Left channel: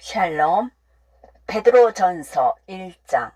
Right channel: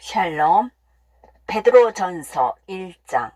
샬롬 베드로 전서 1장.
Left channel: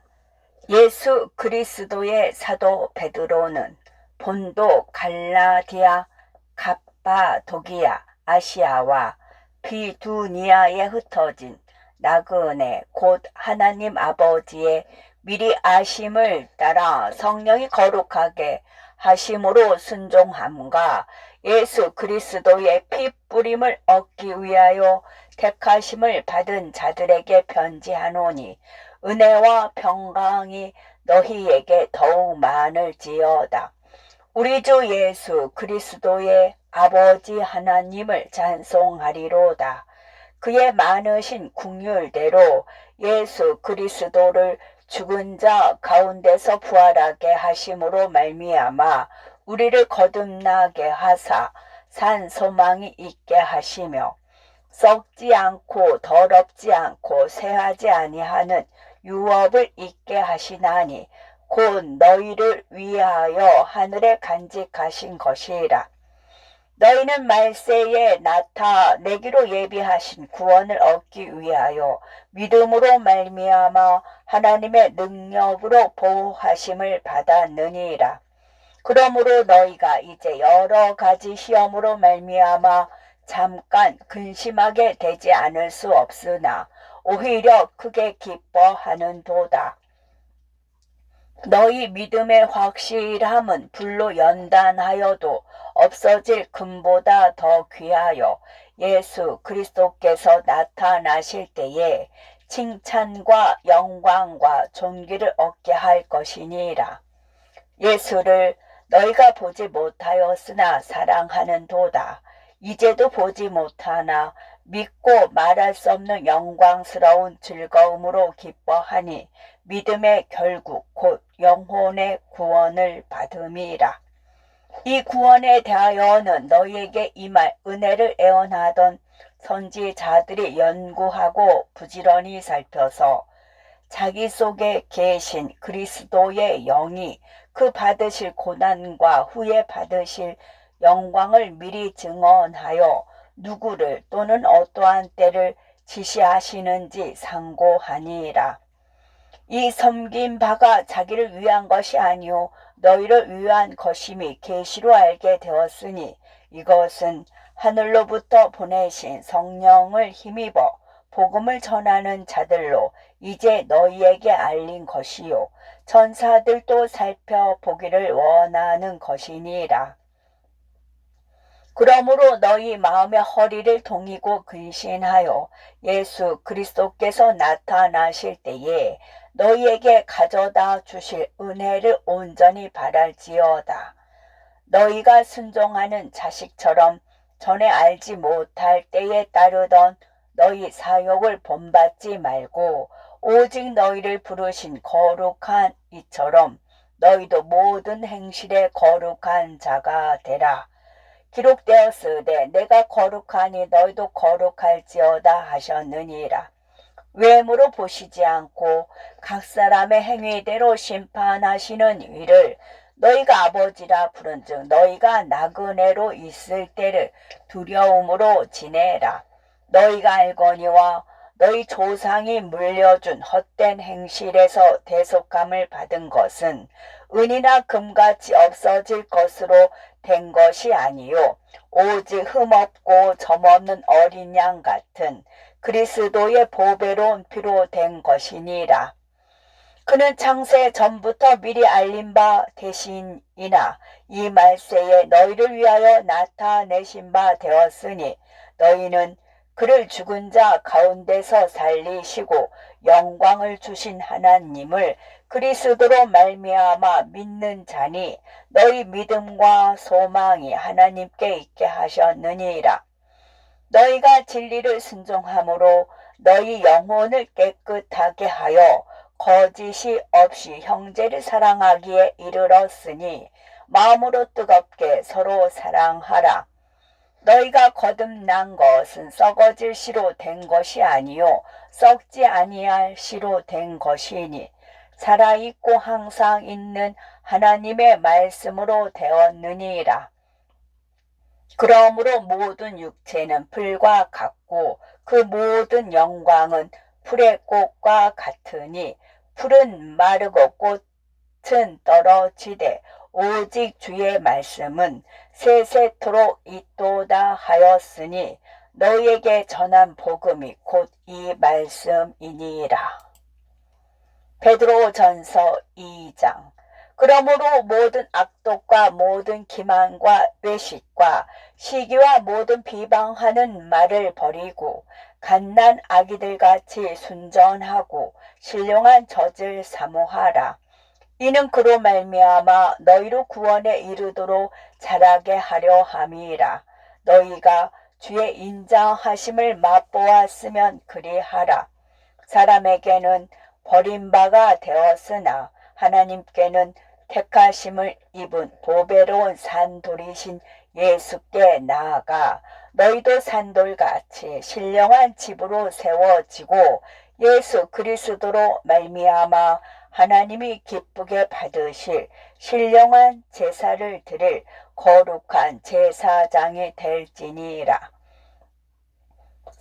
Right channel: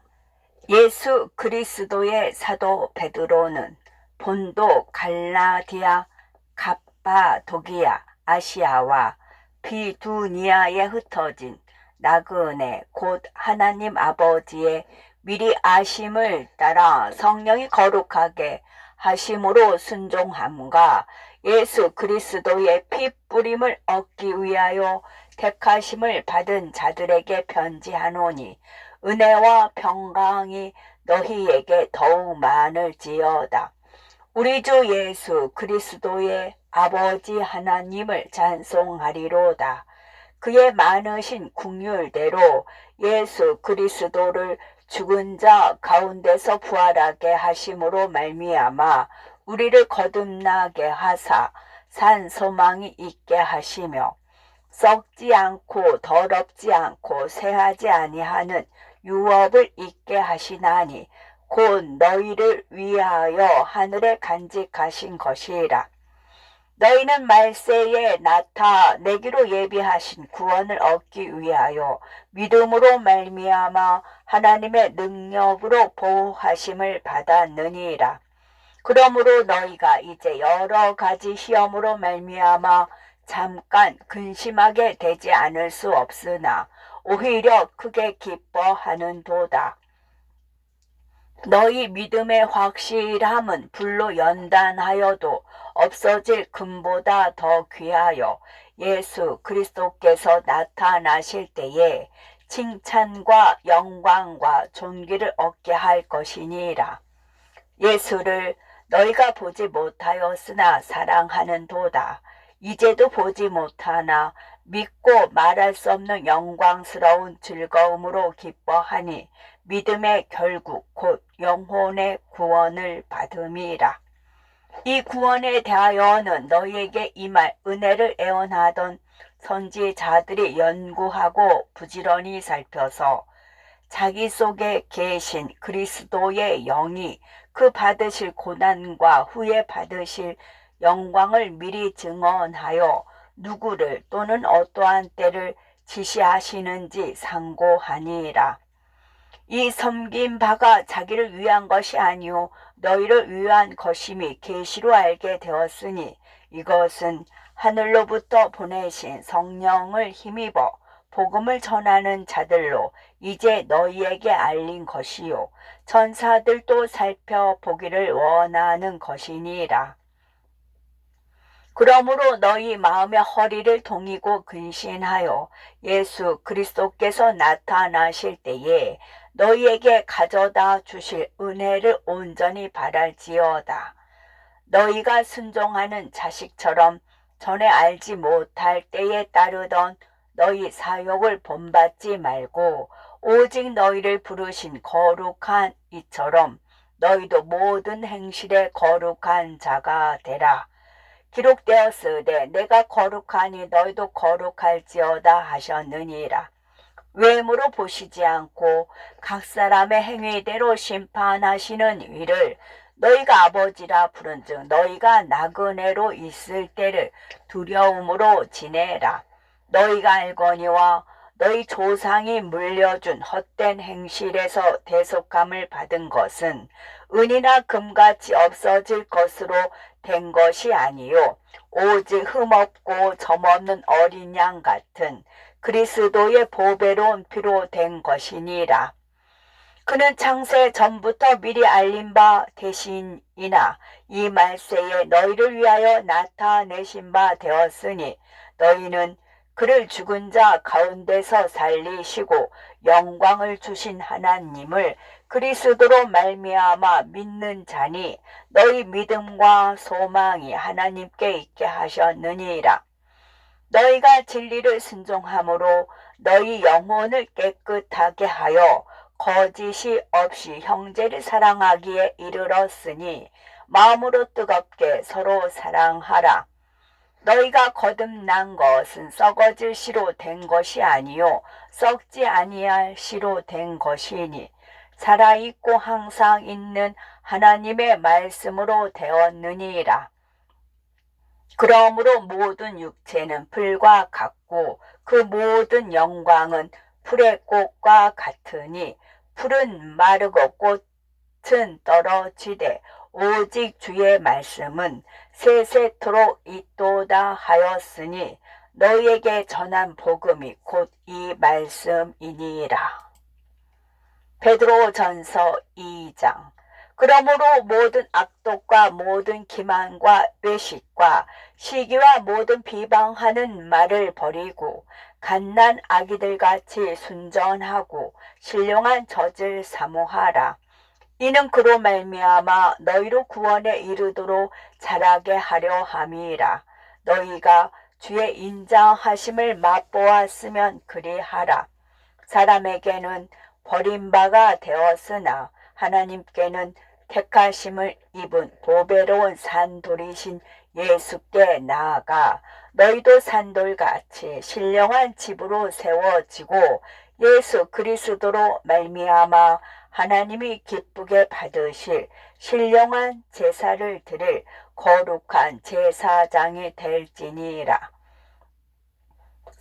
예수 그리스도의 사도 베드로는 본도 갈라디아 갑바도기아 아시아와 비두니아에 흩어진 나그네 곧 하나님 아버지의 미리 아심을 따라 성령이 거룩하게 하심으로 순종함과 예수 그리스도의 피 뿌림을 얻기 위하여 택하심을 받은 자들에게 편지하노니 은혜와 평강이 너희에게 더욱 많을지어다. 우리 주 예수 그리스도의 아버지 하나님을 찬송하리로다. 그의 많으신 국률대로 예수 그리스도를 죽은 자 가운데서 부활하게 하심으로 말미암아 우리를 거듭나게 하사 산 소망이 있게 하시며 썩지 않고 더럽지 않고 새하지 아니하는 유업을 있게 하시나니 곧 너희를 위하여 하늘에 간직하신 것이라. 너희는 말세에 나타내기로 예비하신 구원을 얻기 위하여 믿음으로 말미암아 하나님의 능력으로 보호하심을 받았느니라. 그러므로 너희가 이제 여러 가지 시험으로 말미암아 잠깐 근심하게 되지 않을 수 없으나 오히려 크게 기뻐하는 도다. 너희 믿음의 확실함은 불로 연단하여도 없어질 금보다 더 귀하여 예수 그리스도께서 나타나실 때에 칭찬과 영광과 존귀를 얻게 할 것이니라. 예수를 너희가 보지 못하였으나 사랑하는 도다. 이제도 보지 못하나 믿고 말할 수 없는 영광스러운 즐거움으로 기뻐하니 믿음의 결국 곧 영혼의 구원을 받음이라. 이 구원에 대하여는 너희에게 임할 은혜를 애원하던 선지자들이 연구하고 부지런히 살펴서 자기 속에 계신 그리스도의 영이 그 받으실 고난과 후에 받으실 영광을 미리 증언하여 누구를 또는 어떠한 때를 지시하시는지 상고하니라. 이 섬긴 바가 자기를 위한 것이 아니요 너희를 위한 것임이 계시로 알게 되었으니 이것은 하늘로부터 보내신 성령을 힘입어 복음을 전하는 자들로 이제 너희에게 알린 것이요 천사들도 살펴보기를 원하는 것이니라. 그러므로 너희 마음의 허리를 동이고 근신하여 예수 그리스도께서 나타나실 때에 너희에게 가져다 주실 은혜를 온전히 바랄지어다. 너희가 순종하는 자식처럼 전에 알지 못할 때에 따르던 너희 사욕을 본받지 말고 오직 너희를 부르신 거룩한 이처럼 너희도 모든 행실에 거룩한 자가 되라. 기록되었으되 내가 거룩하니 너희도 거룩할지어다 하셨느니라. 외모로 보시지 않고 각 사람의 행위대로 심판하시는 위를 너희가 아버지라 부른즉 너희가 나그네로 있을 때를 두려움으로 지내라. 너희가 알거니와 너희 조상이 물려준 헛된 행실에서 대속감을 받은 것은 은이나 금같이 없어질 것으로 된 것이 아니요 오직 흠없고 점없는 어린 양 같은 그리스도의 보배로운 피로 된 것이니라. 그는 창세 전부터 미리 알린 바 대신이나 이 말세에 너희를 위하여 나타내신 바 되었으니 너희는 그를 죽은 자 가운데서 살리시고 영광을 주신 하나님을 그리스도로 말미암아 믿는 자니 너희 믿음과 소망이 하나님께 있게 하셨느니라. 너희가 진리를 순종함으로 너희 영혼을 깨끗하게 하여 거짓이 없이 형제를 사랑하기에 이르렀으니 마음으로 뜨겁게 서로 사랑하라. 너희가 거듭난 것은 썩어질 씨로 된 것이 아니요 썩지 아니할 씨로 된 것이니 살아있고 항상 있는 하나님의 말씀으로 되었느니라. 그러므로 모든 육체는 풀과 같고 그 모든 영광은 풀의 꽃과 같으니 풀은 마르고 꽃은 떨어지되 오직 주의 말씀은 세세토록 있도다 하였으니 너희에게 전한 복음이 곧 이 말씀이니라. 베드로 전서 2장 그러므로 모든 악독과 모든 기만과 외식과 시기와 모든 비방하는 말을 버리고 갓난 아기들 같이 순전하고 신령한 젖을 사모하라. 이는 그로 말미암아 너희로 구원에 이르도록 자라게 하려 함이라. 너희가 주의 인장하심을 맛보았으면 그리하라. 사람에게는 버림바가 되었으나 하나님께는 택하심을 입은 보배로운 산돌이신 예수께 나아가 너희도 산돌같이 신령한 집으로 세워지고 예수 그리스도로 말미암아 하나님이 기쁘게 받으실 신령한 제사를 드릴 거룩한 제사장이 될지니라.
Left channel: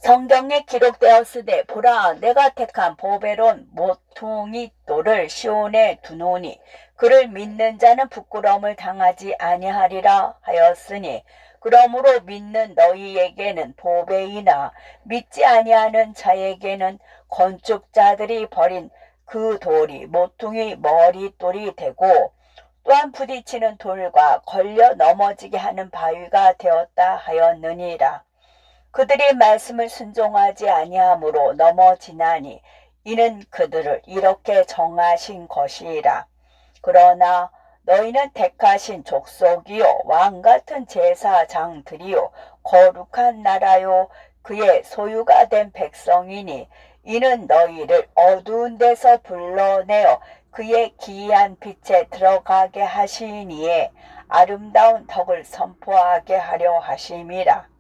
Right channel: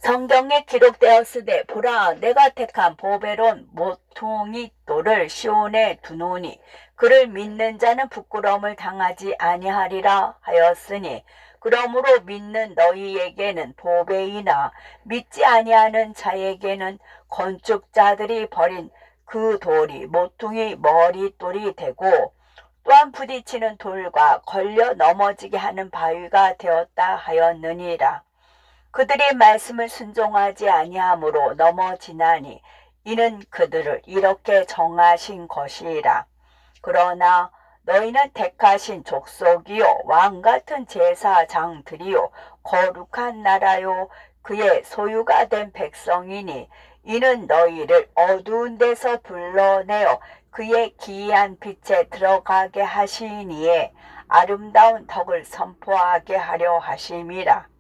성경에 기록되었으되 보라 내가 택한 보배로운 모퉁이 돌을 시온에 두노니 그를 믿는 자는 부끄러움을 당하지 아니하리라 하였으니 그러므로 믿는 너희에게는 보배이나 믿지 아니하는 자에게는 건축자들이 버린 그 돌이 모퉁이 머리돌이 되고 또한 부딪히는 돌과 걸려 넘어지게 하는 바위가 되었다 하였느니라. 그들이 말씀을 순종하지 아니하므로 넘어지나니 이는 그들을 이렇게 정하신 것이라. 그러나 너희는 택하신 족속이요 왕 같은 제사장들이요 거룩한 나라요 그의 소유가 된 백성이니 이는 너희를 어두운 데서 불러내어 그의 기이한 빛에 들어가게 하시니에 아름다운 덕을 선포하게 하려 하심이라.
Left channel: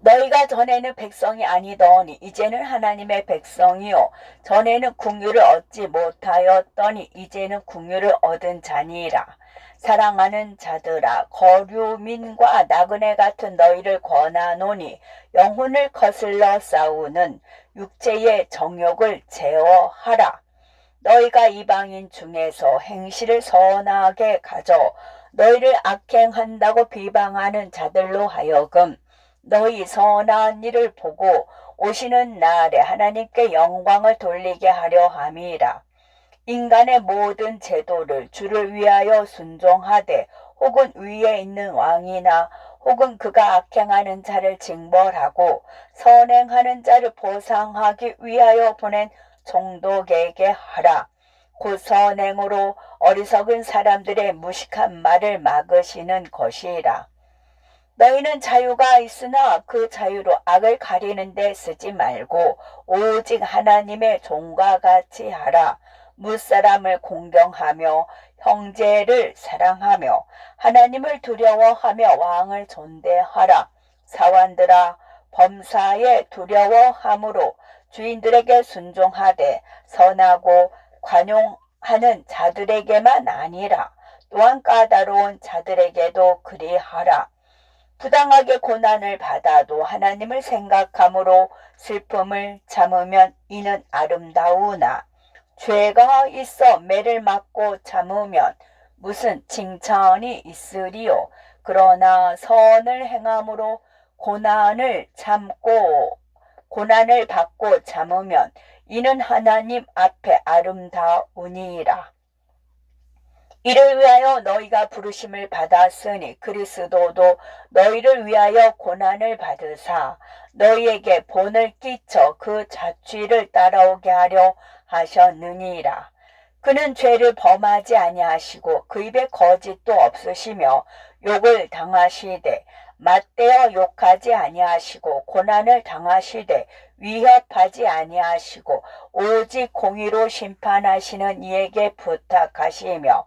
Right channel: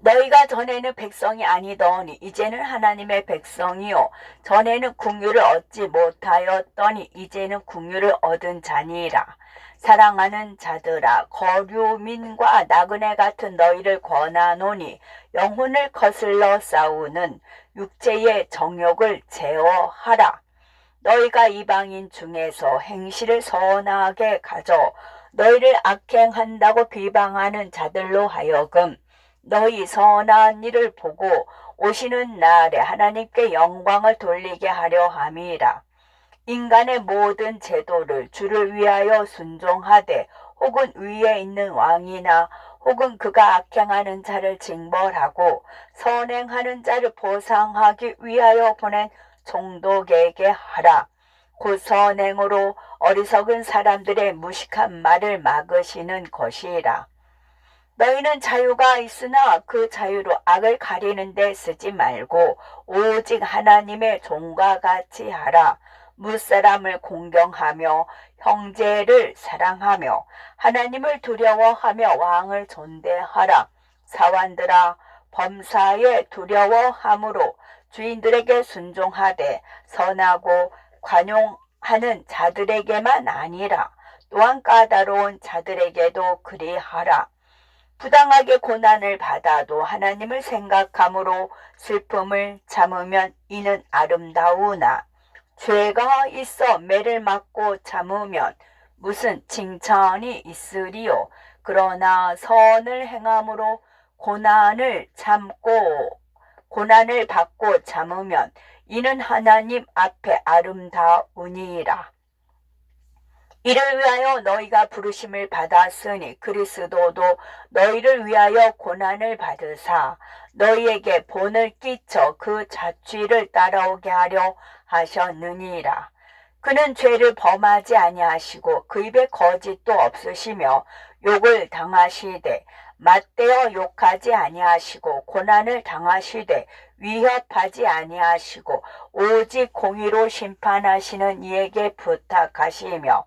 너희가 전에는 백성이 아니더니 이제는 하나님의 백성이요. 전에는 궁유를 얻지 못하였더니 이제는 궁유를 얻은 자니라. 사랑하는 자들아 거류민과 나그네 같은 너희를 권하노니 영혼을 거슬러 싸우는 육체의 정욕을 제어하라. 너희가 이방인 중에서 행실을 선하게 가져 너희를 악행한다고 비방하는 자들로 하여금 너희 선한 일을 보고 오시는 날에 하나님께 영광을 돌리게 하려 함이라. 인간의 모든 제도를 주를 위하여 순종하되 혹은 위에 있는 왕이나 혹은 그가 악행하는 자를 징벌하고 선행하는 자를 보상하기 위하여 보낸 종독에게 하라. 곧 선행으로 어리석은 사람들의 무식한 말을 막으시는 것이라. 너희는 자유가 있으나 그 자유로 악을 가리는 데 쓰지 말고 오직 하나님의 종과 같이 하라. 무사람을 공경하며 형제를 사랑하며 하나님을 두려워하며 왕을 존대하라. 사완들아 범사에 두려워함으로 주인들에게 순종하되 선하고 관용하는 자들에게만 아니라 또한 까다로운 자들에게도 그리하라. 부당하게 고난을 받아도 하나님을 생각함으로 슬픔을 참으면 이는 아름다우나 죄가 있어 매를 맞고 참으면 무슨 칭찬이 있으리요. 그러나 선을 행함으로 고난을 참고 고난을 받고 참으면 이는 하나님 앞에 아름다우니라. 이를 위하여 너희가 부르심을 받았으니 그리스도도 너희를 위하여 고난을 받으사 너희에게 본을 끼쳐 그 자취를 따라오게 하려 하셨느니라. 그는 죄를 범하지 아니하시고 그 입에 거짓도 없으시며 욕을 당하시되 맞대어 욕하지 아니하시고 고난을 당하시되 위협하지 아니하시고 오직 공의로 심판하시는 이에게 부탁하시며